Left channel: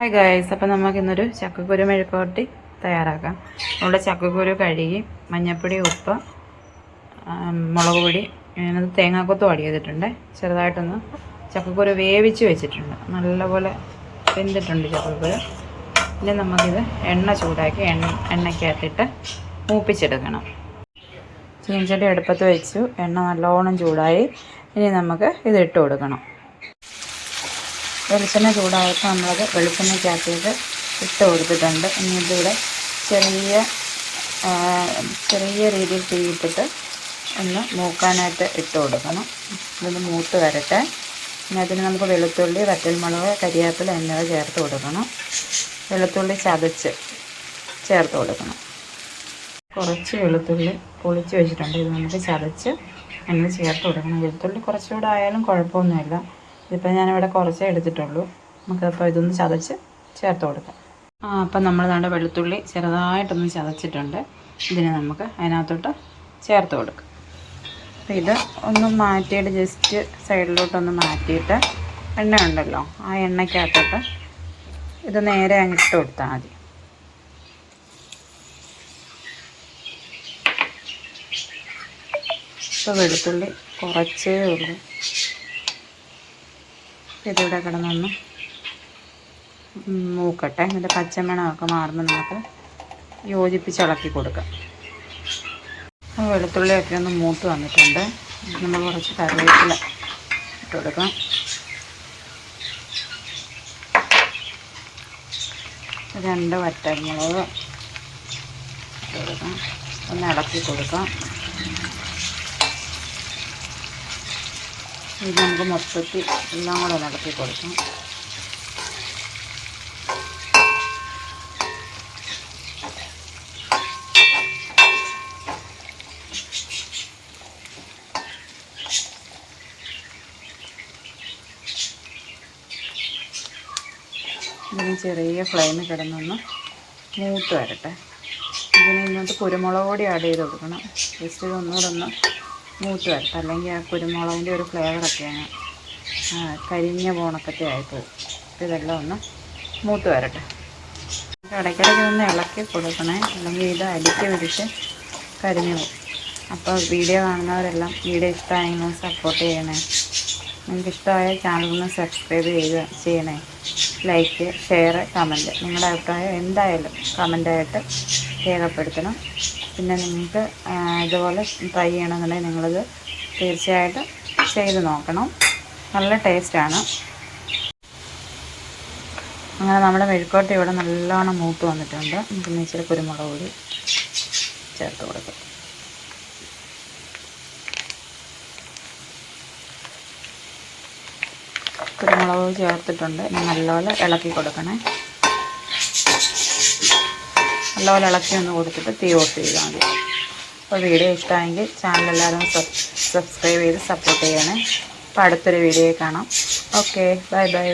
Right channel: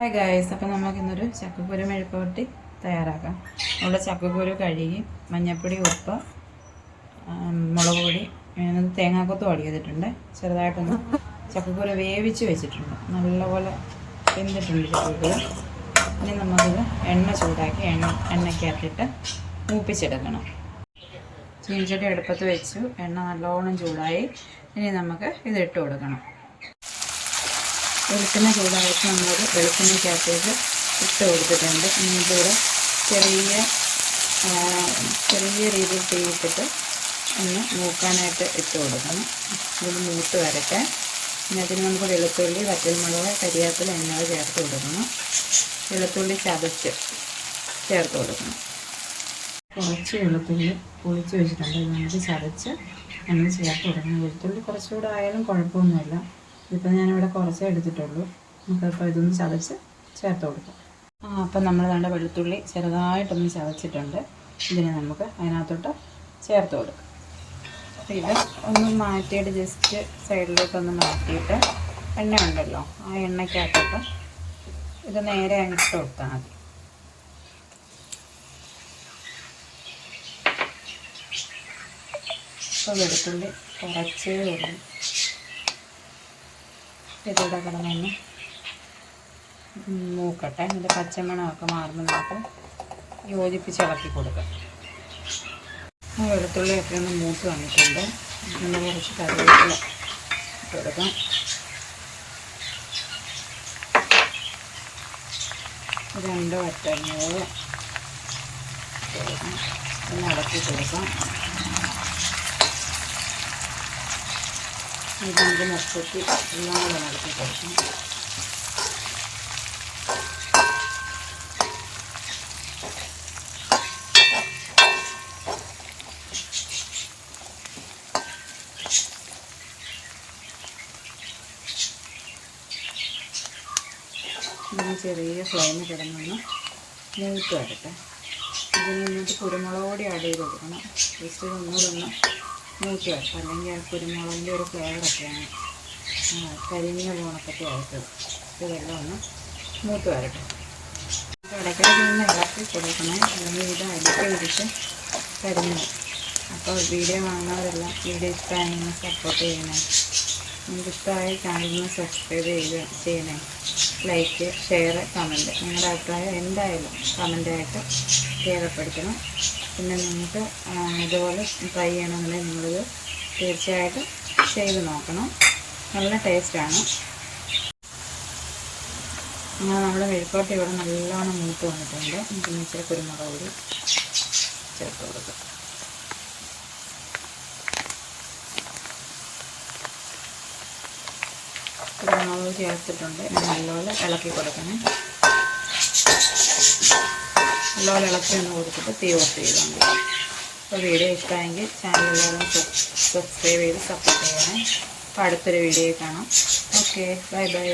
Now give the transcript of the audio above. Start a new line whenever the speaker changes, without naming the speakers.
Hi guys അപ്പോൾ നമുക്ക് ഇന്നൊരു ചക്കക്കുരു മെഴുക്കുവരട്ടി തയ്യാറാക്കാം. നമ്മുടെ ചക്കക്കുരു കഴുകി മഞ്ഞപ്പൊടി ഉപ്പ് മുളക് പൊടി ഞാനത് തേങ്ങാക്കൊത്ത് അടി ചെയ്തിട്ടുണ്ട്. ചെറുതായിട്ടൊന്ന് ചക്കക്കുരു വേവിച്ച് വെച്ചിട്ടുണ്ട്. നല്ലപോലെ വെന്തിട്ടുണ്ട് ചക്കക്കുരു. ഇനി നമുക്കിത് എണ്ണ ചൂടാക്കി എണ്ണ എണ്ണയ്ക്കകത്തിട്ട് മൂപ്പിച്ചെടുക്കണം. ചീഞ്ചട്ടി അടുപ്പത്ത് വെച്ചു. എണ്ണ നല്ലോണം ചൂടായി. ഇനി നമുക്ക് ഇത് ഇട്ട് കൊടുക്കണം. വെളിച്ചെണ്ണ ചൂടായപ്പോൾ നമ്മളത് വെളിച്ചെണ്ണയ്ക്കകത്തേക്ക് ഇട്ട് കൊടുത്തിട്ടുണ്ട്. ഇനി ഇതിവിടെ ചെറിയ ചെറിയ രീതിയിൽ തീയിട്ടിട്ട് ഒന്ന് മൂക്കാനായിട്ട് ഇട്ട് കൊടുക്കണം. ഇതൊന്ന് മൂത്ത് വരട്ടെ. ഇനി അതിന് നമുക്ക് വെളുത്തുള്ളി വറ്റൽമുളക് കരിയാപ്പില എന്നിവ ചേർത്ത് കൊടുക്കണം. വെളുത്തുള്ളി ചതച്ച് ചേർത്ത് കൊടുക്കണം. കുറച്ച് വെളുത്തുള്ളി പൊളിച്ച് വെച്ചിട്ടുണ്ട്. ഇത് നമുക്ക് ചതച്ച് നമ്മൾ ചേർത്ത് കൊടുക്കണം. വെളുത്തുള്ളി കുറച്ചുകൂടെ ആയാലും കുഴപ്പമൊന്നുമില്ല. ഇതിപ്പോൾ ഞാനിവിടെ കുറച്ചേ എടുത്തിട്ടുള്ളൂ. നമുക്കപ്പോൾ ഇതൊന്ന് ചതച്ച് ചേർത്ത് കൊടുക്കാം. ആ അപ്പം നമ്മൾ നമ്മുടെ വെളുത്തുള്ളി ചെറുതായിട്ടൊന്ന് ചതച്ചിട്ടുണ്ട്. ഇതിനെ നമുക്ക് അതിനകത്തോട്ട് ചേർത്ത് കൊടുക്കാം. അപ്പം ഇത് ഒന്ന് മാറ്റിയിട്ട് ജസ്റ്റ് സൈഡിലോട്ടൊന്ന് മാറ്റിയിട്ട് എണ്ണ ഉണ്ടല്ലോ ആ എണ്ണയ്ക്കകത്തോട്ട് ഇത് നേരെ അങ്ങിട്ട് കൊടുത്താൽ മതി. ഇപ്പോൾ വെളുത്തുള്ളി കുറച്ചേ ഉള്ളൂ. ഇതിവിടെ കിടന്നൊന്ന് മൂക്കട്ടെ. ഇതിന്റെ പച്ചമണമൊക്കെ മാറുന്ന നമുക്ക് യോജിപ്പിച്ച് ഇളക്കി കൊടുക്കാം. വെളുത്തുള്ളിയൊക്കെ ഒന്ന് മൂത്ത് വന്നിട്ടുണ്ട്. നമ്മൾ കുറച്ച് കറിവേപ്പില ഇട്ട് കൊടുക്കാം. രണ്ട് വറ്റൽമുളക് ഇട്ട് കൊടുക്കാം. ഒന്ന് ഇളക്കി കൊടുക്കാം. ഇത് നമുക്ക് മൊത്തത്തിൽ എല്ലാം കൂടെ നടത്തി കൊടുക്കാം. ഇതിന് ചെറിയ ഫ്ലെയിമിൽ കിടന്നൊന്ന് മൂത്ത് വരട്ടെ. ഇതിന് ഇന്നത്തെ കുരുമുളക് ആഡ് ചെയ്ത് കൊടുക്കണം. ജസ്റ്റ് ഇതൊന്നുകൂടെ ഒന്ന് മൂത്ത് വരട്ടെ അല്ലെങ്കിൽ ആ കുരുമുളകിന്റെ ഒരു ഫ്ലേവറൊക്കെയാണ് കരിഞ്ഞ പോണക്കത്തെ അപ്പോൾ ഇതെല്ലാം ഒന്ന് മൂത്ത് വരട്ടെ. ഇടയ്ക്കിടയ്ക്ക് ഒന്ന് ഇളക്കി കൊടുക്കണേ. അല്ലെങ്കിൽ ഇത് അടിക്ക് പിടിച്ച് കരിഞ്ഞു പോകും. അപ്പോൾ വീഡിയോ കാണുന്നവരെല്ലാം വീഡിയോ ഇഷ്ടമായെങ്കിൽ സപ്പോർട്ട് ചെയ്യണേ. നിങ്ങൾക്ക് ഇഷ്ടമായ ചാനലൊന്ന് സബ്സ്ക്രൈബ് ചെയ്യുക ചെയ്യണേ. ലൈക്ക് ഷെയർ കമന്റ് നിങ്ങളുടെ അഭിപ്രായം എന്തായാലും കമന്റായിട്ട് രേഖപ്പെടുത്തണം. പിന്നെ നിങ്ങൾക്ക് ഇതുപോലെ ട്രൈ ചെയ്യണമെന്നുണ്ടെങ്കിൽ നിങ്ങളിത് തീർച്ചയായിട്ടും ചെയ്ത് നോക്കണം. നല്ല ടേസ്റ്റാണ് അങ്ങനെ നമ്മുടെ മെഴുക്കോട്ടി ഇവിടെ നല്ലോണം മൂത്ത് വന്നിട്ടുണ്ട്. നമുക്ക് ഇച്ചിരി കുരുമുളക് കൂടി ചേർത്ത് കൊടുക്കും. കുരുമുളക് ചേർത്തിട്ടുണ്ട്. നല്ലപോലെ ഇളക്കി കൊടുക്കണേ. നല്ലപോലെ ഇളക്കി ഒന്ന് കൊടുത്തിട്ട് തീ ഓഫ് ചെയ്താൽ മതി. അപ്പോൾ വീഡിയോ ഇഷ്ടമായെങ്കിൽ ചാനൽ എല്ലാവരും സബ്സ്ക്രൈബ് ചെയ്ത് സപ്പോർട്ട് ചെയ്യണേ. അപ്പോൾ അടുത്തൊരു വീഡിയോ കാണാം. Okay bye bye